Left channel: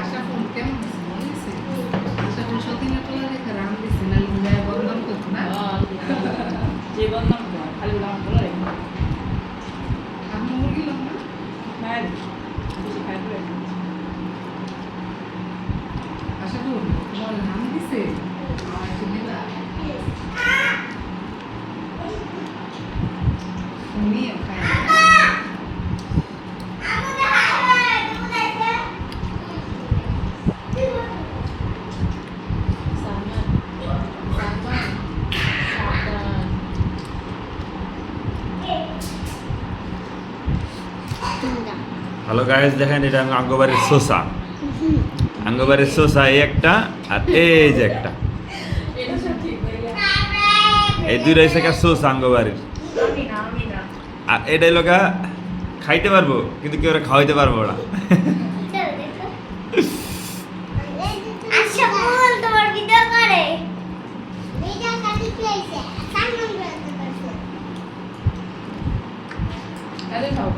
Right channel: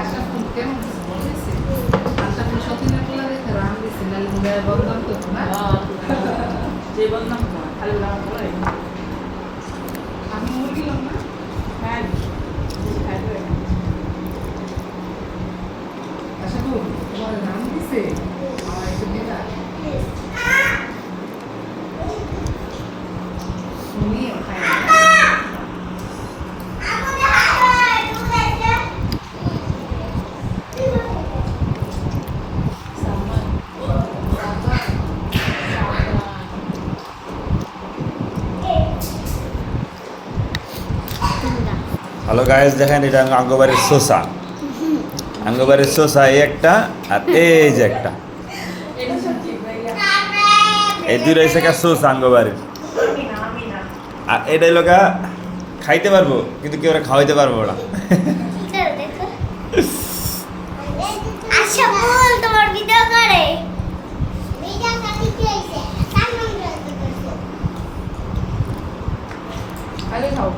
আশা phone কেমন বলেছে আশা phone সতীনের কোলা দেখে রাম দিছে নালে মেয়ে বন্ধন করতো না যে বন্ধন খালি রাম বলে আমি বললাম না হ্যাঁ খাইবে আশা তো তোমার রাম দিছে আমার একটু দিলা তুমিও খাই হ্যালো গাইস, দেখেন এটা আঙ্গবাড়ির শসা। আঙ্গবাড়ির শসা এই একটা আর এই যে একটা, এই দুইটা এসে শসা আঙ্গবাড়ির। আর এটাই লোকা খাইতে পারবো কিন্তু কেউ খাওয়াইতে পারবো না। আচ্ছা বল তোমার ভিডিও করে ভিডিও করতে কি হইছে সামনে খালি খাও